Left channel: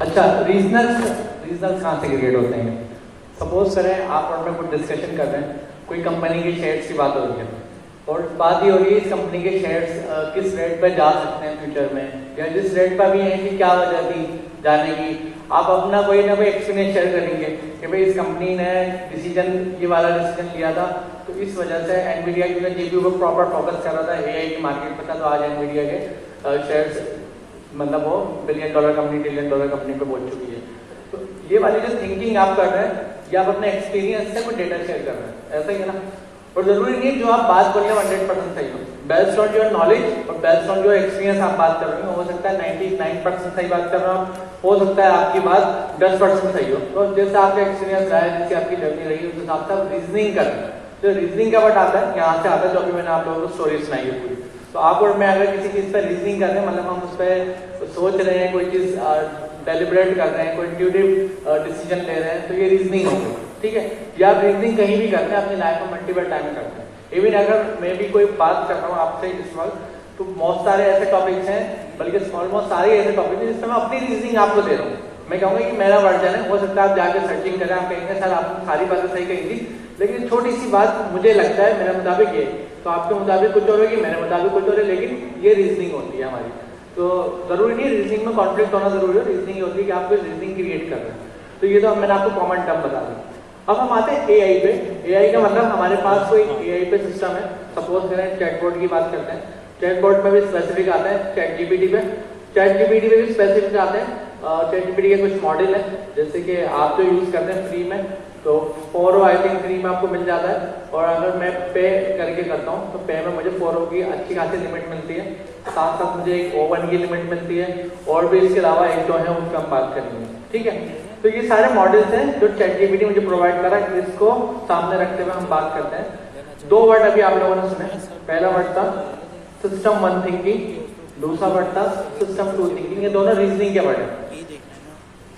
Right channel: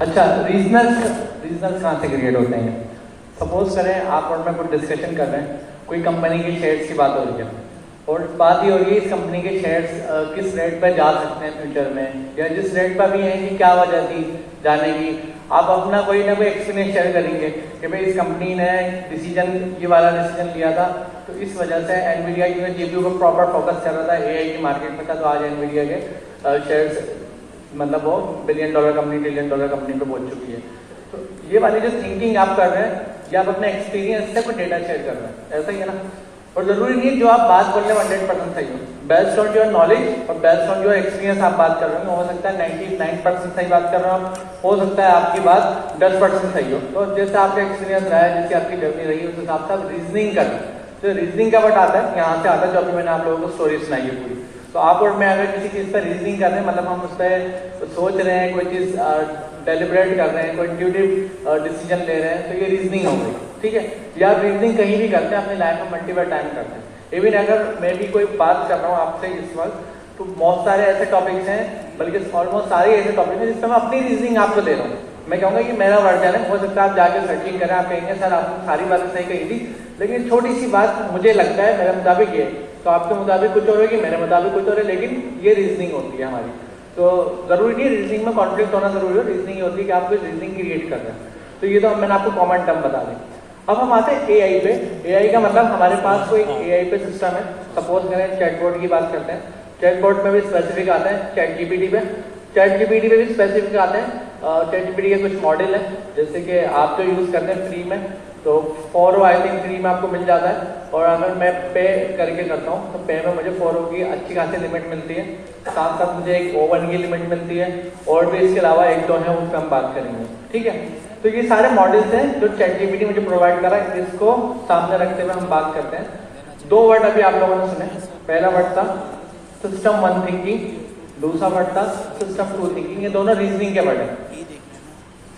अच्छा, regional regional कहाँ से क्रिएट होते हैं? सपोज करें आप और मैं कुछ डिस्कशन कर रहे हैं, कोई कंपनी के शेयर्स की बात हो रही है और बात ये हो रही है इस कंपनी के शेयर्स किस रेट पर जा सकते हैं फ्यूचर में, या जिस रेट पर भी है कि क्या वजह थी जाने की। आप अपना कोई ना कोई एक्सपीरियंस शेयर करेंगे कि भाई इस कंपनी ने डिसीजन ये वाला डिसीजन लिया था तो इस वजह से एनवीडिया क्योंकि जीपीयू पर प्रॉपर फोकस कर रहा था, एआई की मार्केट में था, तो आज एनवीडिया के शेयर्स मतलब वो $1 बिलियन कंपनी $1 ट्रिलियन कंपनी पे पहुंच चुकी है। तो ये वाली जो थिंकिंग आप कर रहे हैं या आप अपने एक्सपीरियंस से कोई डेटा शेयर कर रहे हैं, ऐसा ही है ना। और जरूरी नहीं जो आप बात कर रहे हैं 100% सही है, बेस्ड ऑन योर नॉलेज और बेस्ड ऑन योर एक्सपीरियंस आप बात कर रहे हैं। हो सकता है 99% सही बात कर रहे हो आप, हो सकता है आपकी बात 10% सही हो। तो जैसा आपका एक्सपीरियंस रहा है, जैसे आपकी जर्नी रही है, उस हिसाब से आप रीजनिंग कर रहे हैं। तो रीजनिंग का वर्ड आता है यहाँ से आता है, जो अभी मैंने आप लोगों को स्टोरी सुनाई है पूरी। तो आप और मैं अगर किसी चीज पर रीजनिंग कर रहे हैं, मतलब हम उस पर सोच रहे हैं, कोई चीज डेलिब्रेट कर रहे हैं, कोई इंट्यूटिव डिसीजन ले रहे हैं, तो ये रीजनिंग है, ठीक है। या आप रीजनिंग कहीं भी करते हैं, अपने लाइफ में मल्टीपल टाइम करते हैं। इवन अगर मैं भी कोई बात कर रहा हूँ आपसे इस वक्त, तो बहुत सारे ऐसे टॉपिक्स हैं, बल्कि ऑलमोस्ट सारे ऐसे टॉपिक हैं जिसमें मैं अपनी रीजनिंग आपको दे रहा हूँ। मैं कहूँगा कि मेरा वर्जन है, हो सकता है आप जाके सर्चिंग करें, आप कहेंगे सर आपने सारी बातें सही कही थी, लेकिन छोटी सी बात मुझे लगता है मेरे मुताबिक ये, तो आपके मुताबिक कुछ और होगी, मेरे मुताबिक कुछ और है, लेकिन ये रीजनिंग होती है हमारी। तो जरूरी नहीं रीजनिंग में कॉन्फ्लिक्ट होना जरूरी हो, रीजनिंग होती है कि आप कोई रीजनिंग क्रिएट कर रहे हैं। तो ये तो मैंने आपको कॉमन टर्म बता दी। अब हम आते हैं एआई पे। एआई का मतलब हमारे पास कोई एआई पे सिस्टम है, सपोज करें चैटबॉट की बात करते हैं, चैटबॉट में भी स्पेसिफिक आता है चैट जीपीटी पे, चैट जीपीटी पे भी स्पेसिफिक आते हैं। चैट जीपीटी के कुछ मॉडल है, जैसे कि आप जो यूज करते हैं फ्री में, तो 4 आई थिंक फ्री में आपको मिल जाता है, और अगर मैं पे करके करता हूँ तो पे में मुझे 4 की अच्छी खासी लिमिट मिलती है, साथ साथ मुझे एक O1 की लिमिट मिलती है, और भी इसके अलावा एक दो है उन पर हम बात करेंगे, ठीक है। तो ये सारे मॉडल्स हैं जो चैट जीपीटी मुझे प्रोवाइड कर रहा है, इसको सामने रखते हुए हम बात करते हैं। 2 वर्ड अभी आप लोगों ने सुने, पहला वर्ड था सिस्टम 1 थिंकिंग, दूसरा वर्ड था सिस्टम 2 थिंकिंग। ये दोनों रीजनिंग के वर्ड है।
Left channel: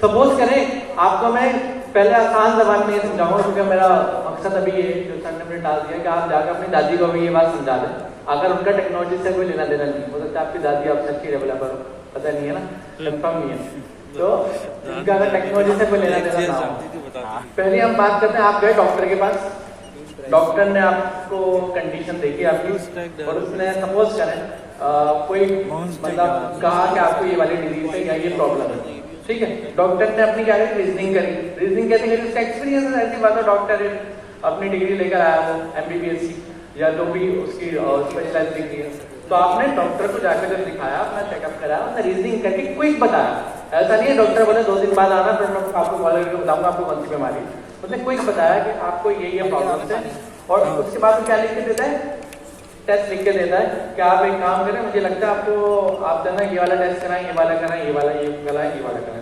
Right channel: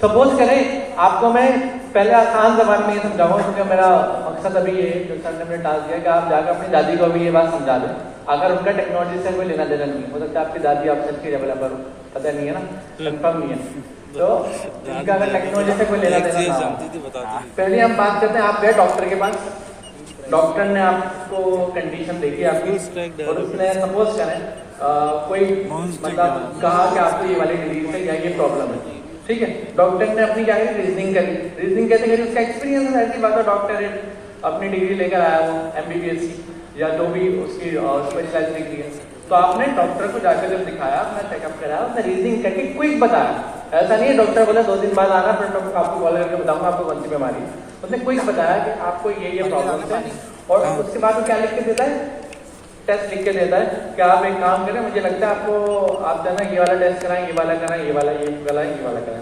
सपोज करें आपको मैं पहले आसान जबान में ये समझाऊंगा, क्योंकि मेरा मकसद अभी ये जो सर ने टास्क दिया कि आप जाकर अपनी दादी को भी ये बात समझा दें, अगर उनका टेक्नोलॉजी से कोई लेना देना नहीं हो सकता, आपकी दादी आपसे अच्छी डेवलपर पता नहीं है ना, कंफर्म नहीं है, तो इनका अगर टेक्नोलॉजी से कोई लेना देना। पहले हम बात करते हैं, आप गए डॉक्टर के पास, डॉक्टर ने आपको कंडीशन देखी आपकी, और उसने सपोज करें कोई मतलब कहा कि आपको ये वाली डिजीज है या ये प्रॉब्लम है, ठीक है। डॉक्टर ने अपनी क्या करी, रीजनिंग करी। रीजनिंग कैसे करी, उसका एक्सपीरियंस ऐसी बात है, डॉक्टर अपनी डिग्री लेकर आया वो MBBS की या जो भी उसकी स्पेशलाइज डिग्री है, तो आपने डॉक्टर को जाकर जब दिखाया, अपना चेकअप कराया, उसने रीजनिंग करके क्विक बताया। ऐसा नहीं है डॉक्टर बोले 2 दिन बाद आना, फिर डॉक्टर आपको कॉल करके बताऊंगा आपको कौन सी बीमारी। उसने क्विक बताया कि आपको ये प्रॉब्लम है, और उसके बाद वो क्या लिख के देता है, टेस्ट लिख के देता है कि आप एक काम करें, मुझे लगता है आपको आप जाना ये वाला टेस्ट कराएं, ये वाला कराएं, ये वाला कराएं।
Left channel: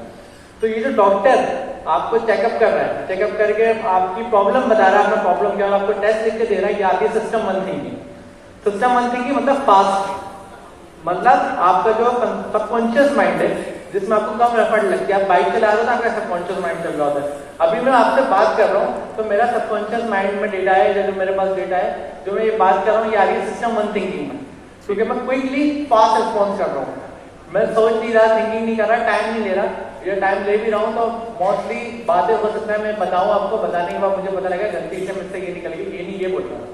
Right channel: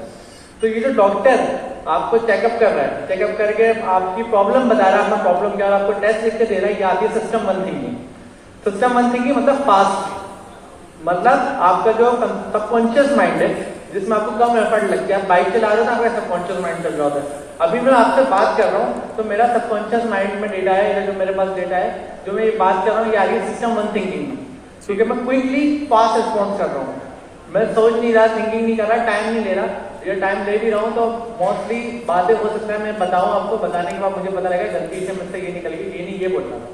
तो ये जो डॉक्टर आपको चेकअप कर रहा है, चेकअप करके आपकी प्रॉब्लम बता रहा है, आपका प्रॉब्लम क्या है, आपको टेस्ट लिख के दे रहा है कि आप ये सिस्टम 1 थिंकिंग। सिस्टम 1 थिंकिंग मतलब फास्ट, मतलब आपका जो सबकॉन्शियस माइंड है, जिसमें आपको कम एफर्ट लगती है। आप बाइक चला रहे हो तो आपका सबकॉन्शियस माइंड चल रहा होता है। अभी मैं आपसे बात कर रहा हूँ तो मेरा सबकॉन्शियस माइंड में डेटा है, या जो मेरे पास डेटा है, जो मैं ये बात कर रहा हूँ, ये आगे सिस्टम 1 थिंकिंग, क्योंकि मैं क्विकली फास्ट रिस्पॉन्स कर रहा हूँ। मैं सोच नहीं रहा, थिंकिंग नहीं कर रहा, टाइम नहीं ले रहा। ये टाइम ले भी रहा हूँ तो मोस्टली बातें हो सकता है मैं बताऊँ आपको, बताने के बाद मुझे पता लगेगा गलती से मुझसे ये निकल गई, ये नहीं, ये बोल रहा हूँ।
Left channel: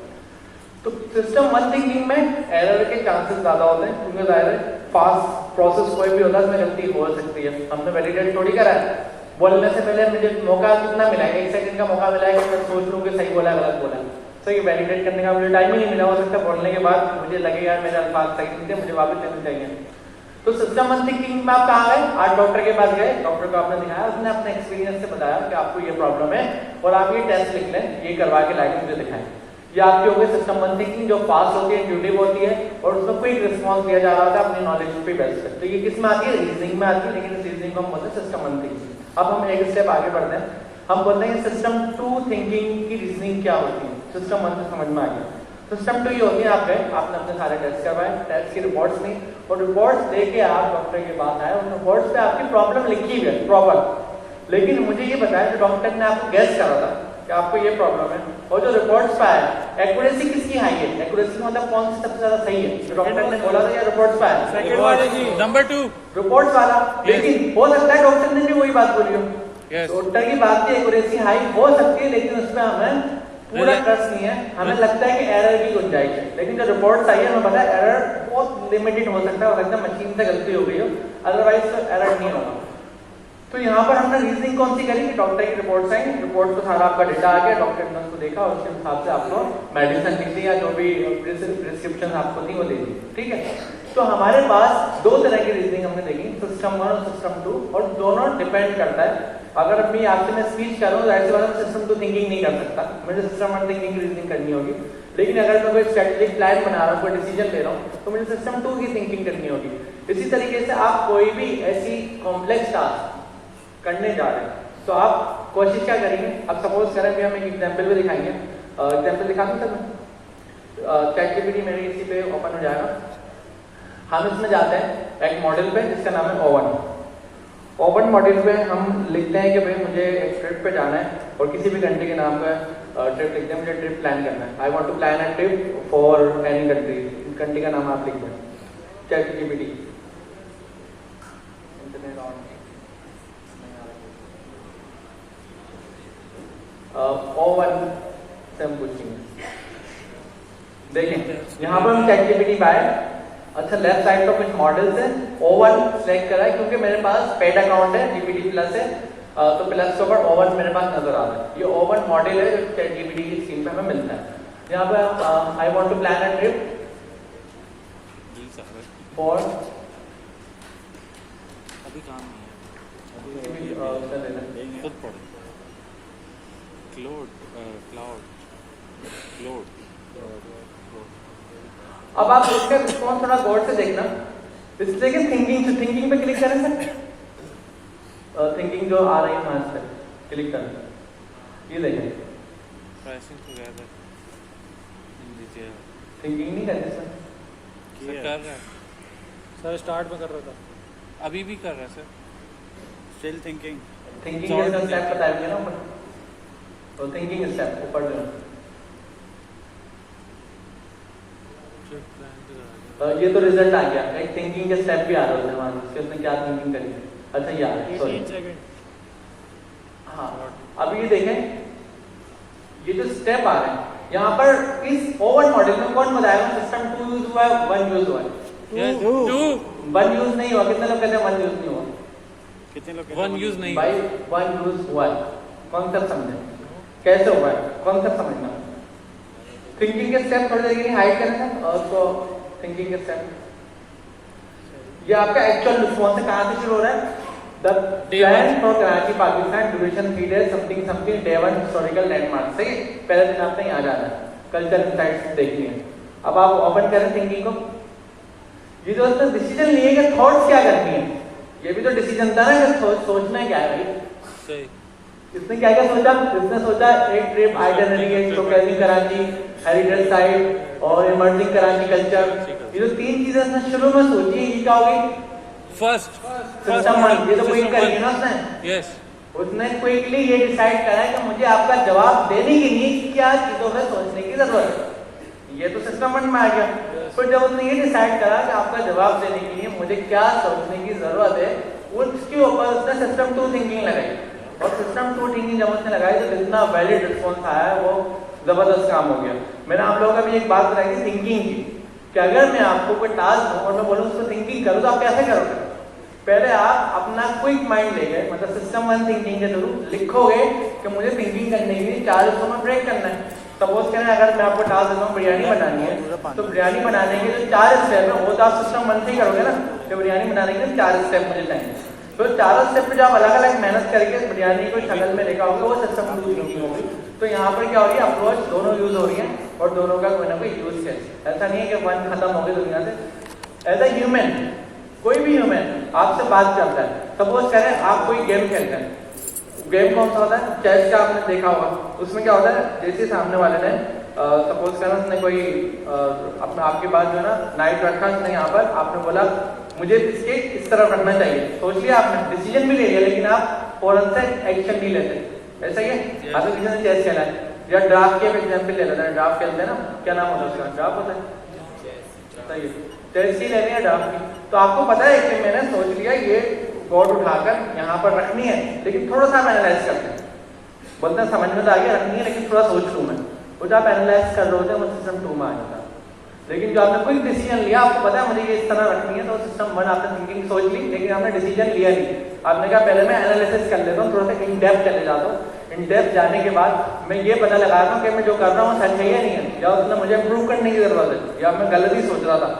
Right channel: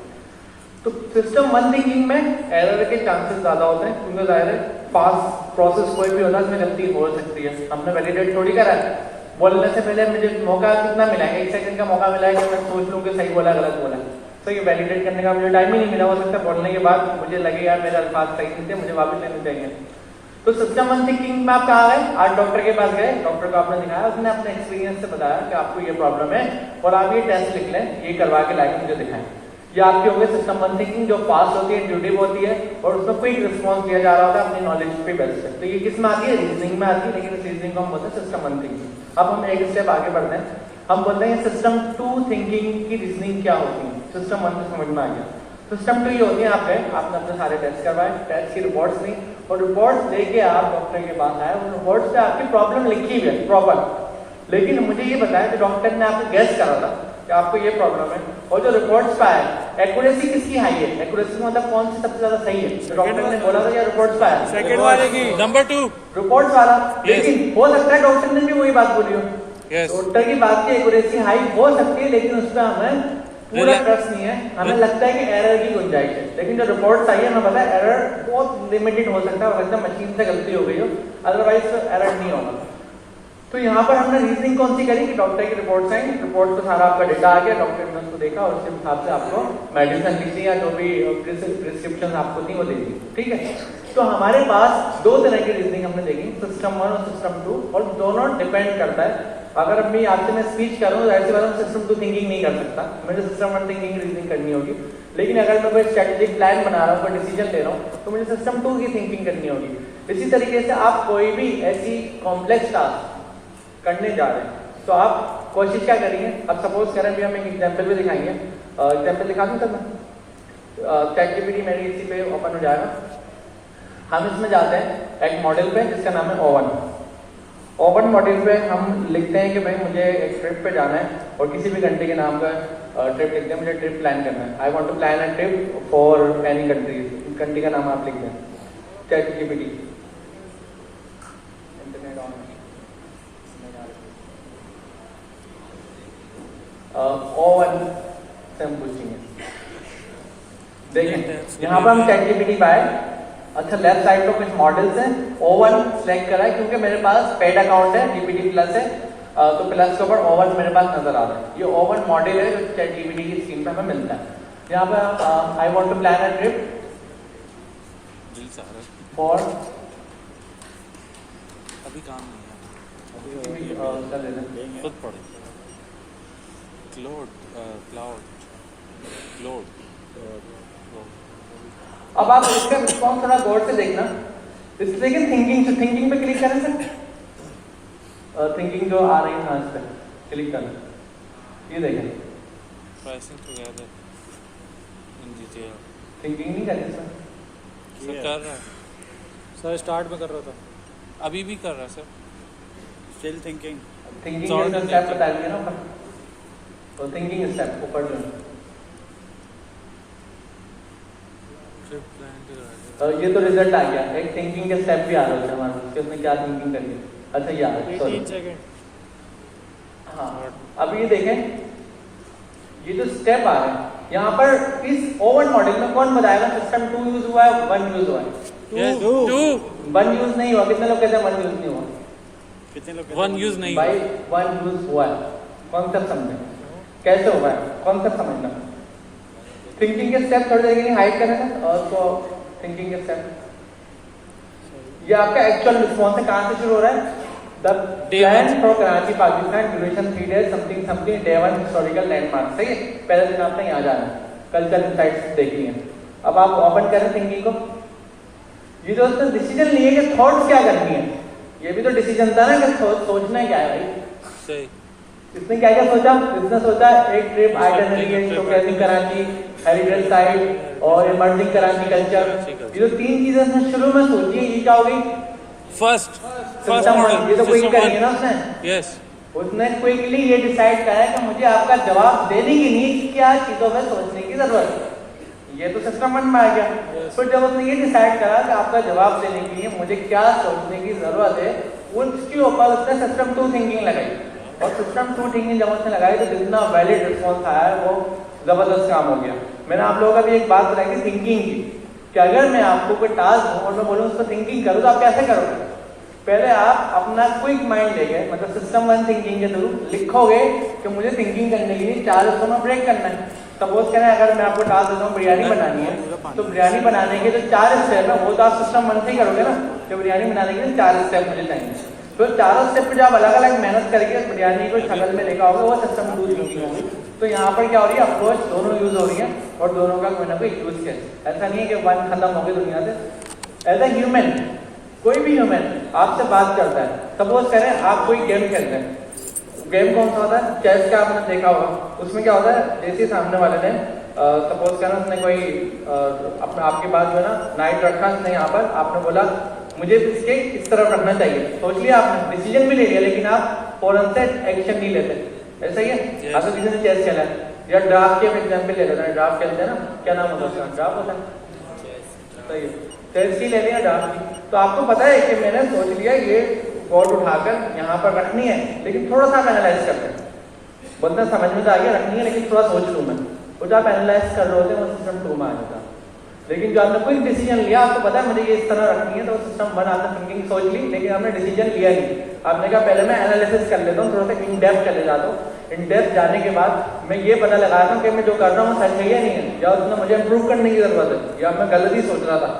तो सिस्टम 1 थिंकिंग में एरर के चांसेस ज्यादा होते हैं, क्योंकि जाहिर है फास्ट प्रोसेस कोई भी होता है उसमें गलती हो सकती है। हमने वैलिडेट थोड़ी करा है, बोलने से पहले मुझे मौका कितना मिला है, 1 सेकंड का मौका मिला है कि मैं सोच लूँ कि सही बोला गलत बोला, तो ये वैलिडेट करने का मुझे टाइम ही नहीं मिला। हो सकता है बोलने के बाद मुझे लगेगा मेरे अल्फाज सही नहीं थे, मुझे वापस लेने चाहिए। तो सिस्टम 1 थिंकिंग में आप कहाँ गए, आज डॉक्टर के पास गए, डॉक्टर को आपने दिखाया, उसने अपने एक्सपीरियंस से बताया कि आपको ये प्रॉब्लम है और आप ये टेस्ट लिख लें, ये करवा के लाइक मुझे दिखाएं। ये आपकी हो गई सिस्टम 1 थिंकिंग, जो फास्ट होती है, इंट्यूटिव होती है, और उसमें क्विक रिस्पॉन्स दिया जा रहा था अपनी नॉलेज पे बेस्ड पे। तो ये किस में आती है, रीजनिंग में आती है, लेकिन रीजनिंग को हम बोलते हैं सिस्टम 1 थिंकिंग। अब हम एक स्टेप आगे बढ़ते हैं, हम बोलते हैं सिस्टम 2 थिंकिंग की रीजनिंग क्या होती है। सिस्टम 1 तो समझ में आ गया, सिस्टम 2 ये होती है, आप गए, आपने अपने सारे टेस्ट करवाए, टेस्ट की रिपोर्ट्स ली, और रिपोर्ट्स लेके आप डॉक्टर के पास आए, और रिपोर्ट्स पे आपकी प्रॉब्लम लिखी हुई है प्रॉपर, लेकिन मुझे ये बताया कि डॉक्टर ने आपको गैस करा था कि आपको ये प्रॉब्लम है, और जो रिपोर्ट्स पे आया एक्यूरेसी किसकी हाई है? एक्यूरेसी मतलब कौन सी सबसे ज्यादा सही है? डॉक्टर ने बोला था या रिपोर्ट्स में आया? सेकंड वाले की नंबर 2 रिपोर्ट्स वाला। लेकिन हो सकता है डॉक्टर ने भी वही बात बोली हो। डॉक्टर की बात की एक्यूरेसी हाई हो सकती है, लेकिन उसमें हमें पूरा ट्रस्ट नहीं है, हमें लगता है कि एरर की गुंजाइश है। लेकिन जो रिपोर्ट्स आई है हमें पता है एरर बहुत लिमिटेड हो सकता है, और एकदम मशीन से गलती हो गई हो, अदरवाइज तो एरर नहीं होगा। तो यहाँ पर हमने रीजनिंग कौन सी करी कि डॉक्टर की रिपोर्ट्स आई, रिपोर्ट पे सारा आपका डेटा आ गया, डॉक्टर ने उसको देखा और उसके हिसाब से आपको मेडिसिन लिख दी या जो भी प्रिस्क्रिप्शन आपको थी वो दे दी। ठीक है, तो हमारे पास दो तरह की रीजनिंग हमने देखी, सिस्टम 1 और सिस्टम 2, और दोनों डिपेंड करता है। अगर मैं आपसे मैं स्पीच कर रहा हूँ तो ऐसे बात में सिस्टम 2 थिंकिंग नहीं कर सकता, मुझे सिस्टम 1 थिंकिंग रीजनिंग करनी होगी। लेकिन अगर मैं कोई स्ट्रेटेजिक प्लान बना रहा हूँ, कोई डिसीजन ले रहा हूँ, तो मुझे सिस्टम 2 की थिंकिंग करनी होगी। इसी तरीके से आप कोई भी ऐसी कॉम्प्लेक्स टास्क करने जा रहे हैं तो आप कोशिश क्या करेंगे? अब सपोज करें कि हम एक एग्जांपल भी दिखाएंगे, एग्जांपल दिखा दूं सब? ChatGPT मेरे इसी पे ओपन हो जाएगा। हम इसमें जाते हैं एक मॉडल पे जिसका नाम है ओवन मॉडल पे हम लिखते हैं कि भाई मुझे एक ट्रिप पे जाना है, और किसी भी कंट्री के नाम पे ट्रिप लिखते हैं, मुझे ट्रिप प्लान करना है, I want to plan a trip for any country, country का नाम आप लिख दें ChatGPT। ओवन से हम पूछेंगे, देखें यहाँ पर हम ChatGPT पाए। अच्छा, लेफ्ट साइड पर कुछ मॉडल्स हैं, ओवन सिलेक्ट करा है क्योंकि मेरे पास पेड अकाउंट है, GPT प्लस है, तो प्लस के ऊपर ओवन मेरे पास नजर आ रहा है। ये ओवन मॉडल है जो ChatGPT की स्कीम पे हमें मिलता है। यहाँ पर I want to plan a trip for, अभी काम नहीं है, खुद पढ़े क्लाउड। अब आप इसका रिस्पॉन्स थोड़ा गौर से देखना, इसलिए कि थिंकिंग पे क्लिक करें सर, थिंकिंग जो आ रही है वहां पे क्लिक करें, ये देखें थिंकिंग नहीं करते सर, कर रहा है सर, स्टार्ट में कर रहा था, अभी भी कर रहा है सर, स्टिल थिंकिंग का स्टेप बताइए ना, तो थिंकिंग स्टेप ऊपर जो तो ये तो रिजल्ट आ गया, एक थिंकिंग के स्टेप भी आ रहा है वहां, उसके उसने क्या थिंकिंग करी है। अच्छा ये आ रहा, सॉरी हाँ, अब ये देखें ये जो स्टेप आ रहे हैं यहाँ पर इस ओवन मॉडल में कौन बताएगा सिस्टम 2 यूज हुआ है 1 यूज हुआ है? 1 यूज नहीं हुआ। कितने लोग कहते हैं 1 यूज नहीं हुआ? कितने लोग 1 यूज नहीं भाई 1 यूज हुआ है, कॉन्सेप्ट समझे कैसे होगा, कॉन्सेप्ट समझना। थिंकिंग के स्टेप थोड़ी देर के लिए हाइड करें और तो थिंकिंग के स्टेप, ये आपका एक्चुअल रिस्पॉन्स है, कहां से शुरू हो रहा है? The plan for Karachi Pakistan duration 3 days something day 1 historical landmark. सही है, पहले दिन आपने यहाँ जाना है, कल्चर साइट्स देखनी है। अब आप ओपन करें थिंकिंग को, ये जो डिसीजन लिए कि थॉट्स क्या करनी है, ये भी तो डिसीजन था ना कि सोचना क्या है भाई। सही, इसने क्या क्या सोचा? इसने सोचा एक trip itinerary, showcasing Karachi, heritage site और इमर्जिंग कराची कल्चर। ये जो 3 चीजें इसने शुरू में सोची, ये क्या हो गई? फर्स्ट ये तो क्विक करेंगे ना उसने। यस, उसने क्विकली ये डिसाइड करा कि मुझे आपका जवाब देने की नहीं, क्या चीजों में सोचने की जरूरत है। ये तो सिस्टम मन में आ गया। तो जब उसने ये डिसाइड करा कि आपका जवाब देने के लिए मुझे क्या सोचने की जरूरत है, उसके ऊपर उसने सिस्टम 2 थिंकिंग लगाई, और सिस्टम 2 थिंकिंग जब उसने लगाई तो जितना वैलिड रिस्पॉन्स आया वो जबरदस्त काम हो गया। मैंने आप लोगों का भी एक बात बताई थी थिंकिंग की, कि अगर मैं आपको कोई टास्क और मैं बोलूँ उसको थिंकिंग करूँ तो आप कैसे करोगे? पहले आप अपना क्विक माइंड लेके, मतलब सिस्टम 1 थिंकिंग के थ्रू लिखोगे कि मुझे थिंकिंग करने के लिए 4 हिस्सों में ब्रेक करना है। सपोज करें अगर मैं आपको टास्क देता हूँ बिरयानी बनानी है, तो बिरयानी बनाने के जो 4 स्टेप है वो तो आप सिस्टम 1 से ही करोगे ना, तो बिरयानी बनाने के लिए 4 स्टेप मुझे चाहिए। तो 4 स्टेप पे जब अलग अलग मेहनत करके बिरयानी को शक्ल में देखा होगा वो सिस्टम 2 थिंकिंग होगी। तो यहाँ पर क्या हो रही है, अप्रोच दोनों यूज हो रही है और दोनों का कोई ना कोई यूज है। ऐसा नहीं है कि 1 खत्म हो गई दुनिया से। एज ए ह्यूमन, कोई भी ह्यूमन आपसे बात करता है, सपोज करें आप कोई गेम खेलते हैं, गेम कौन सा होता है? चेस का आपने देखा होगा। उसमें क्या होता है, जैसे सामने वाले ने सपोज करें उसने कोई अपना आपके पास जो है ना नाइट रखा, उसने यहाँ पर आपने बोला मुझे इसके इस तरफ रखना चाहिए, सोच लिया आपने, डिसीजन भी ले लिया, लेकिन आप फौरन से एक्शन नहीं लेते। ऐसा ही है अगर किसी ने चेस खेला है, या ड्राफ्ट के एग्जाम्पल ले लेते हैं, ड्राफ्ट खेलते हैं ना, क्या नाम होता है, ड्राफ्ट होता है, सही है, चेस की ले रहे हैं ड्राफ्ट की। तो आपको पता है कि मैंने सोच लिया ये बोर्ड उठाकर यहाँ पर रखनी है, लेकिन थोड़ा सा हम एनालाइज करते हैं, बोलते हैं समझ में तो आ गया रखनी है लेकिन थोड़ा सोच लूँ मैं, वो जब आप एनालाइज कर रहे होते हैं वो सिस्टम 2 में आ जाता है। लेकिन जो आपने कोई डिसीजन लिया, आपको पता है मुझे ये इस तरह रखनी है, तो सिस्टम 1 आपने थिंकिंग सोच ली, लेकिन आपने डिसीजन लिया नहीं। आपने कहा पहले मैं एनालिसिस कर लेता हूँ, थोड़ा सा इन डेप्थ चले जाता हूँ, इन डेप्थ जाने के बाद मैं ये पता लगाता हूँ कि मैं जो कर रहा हूँ सच है या नहीं है, या उसमें मुझे इम्प्रूव करने की जरूरत है, या मैं गलत ही सोच रहा था।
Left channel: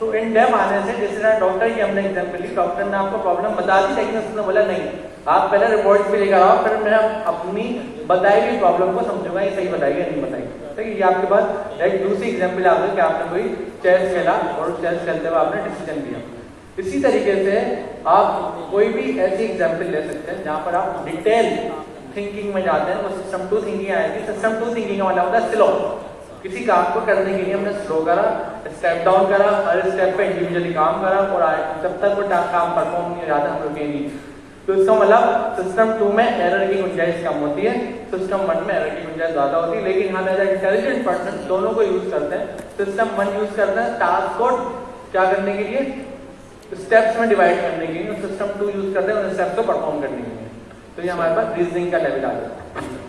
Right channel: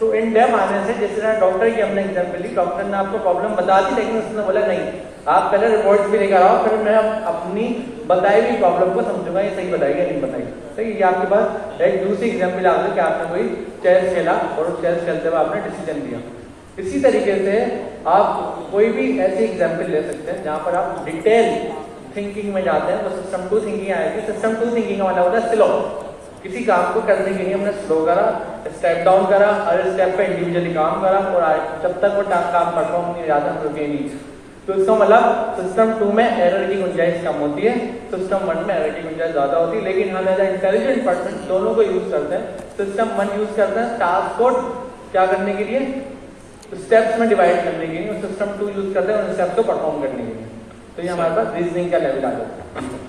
तो इन डेप्थ आने से, जिस तरह डॉक्टर की हमने एग्जाम्पल ली, डॉक्टर ने आपको प्रॉब्लम बता दी, लेकिन उसने बोला नहीं, आप पहले रिपोर्ट भी लेकर आओ, फिर मैं अपनी बताई हुई प्रॉब्लम को समझूंगा ये सही बताई या नहीं बताई। तो ये आपके पास एक दूसरी एग्जाम्पल आ गई कि आपने कोई चेस खेला और चेस खेलते हुए आपने डिसीजन लिया। इसी तरीके से आप कोई भी ऐसी एग्जाम्पल ले सकते हैं जहां पर आप डिटेल थिंकिंग में जाते हैं, वो सिस्टम 2 थिंकिंग आएगी। सिस्टम 2 थिंकिंग का मतलब होता है स्लो। किसी काम को करने के लिए हमने स्लो करा, स्टेप डाउन करा, हर स्टेप पे इंडिविजुअली काम करा, और जब तक वो काम परफॉर्म नहीं हो जाता रुके नहीं। तो इसका मतलब सिस्टम 2 में एरर की गुंजाइश कम होती है, सिस्टम 1 में एरर की गुंजाइश ज्यादा होती है। लेकिन हम एज इंटेलिजेंट पर्सन दोनों को यूज करते हैं। सिस्टम 1 यूज करते हैं टास्क को क्या करने के लिए, स्टेप्स में डिवाइड करने के लिए, और सिस्टम 2 यूज करते हैं उन स्टेप्स को परफॉर्म करने के लिए। तो ये हमारे पास रीजनिंग का लेवल आ जाता है।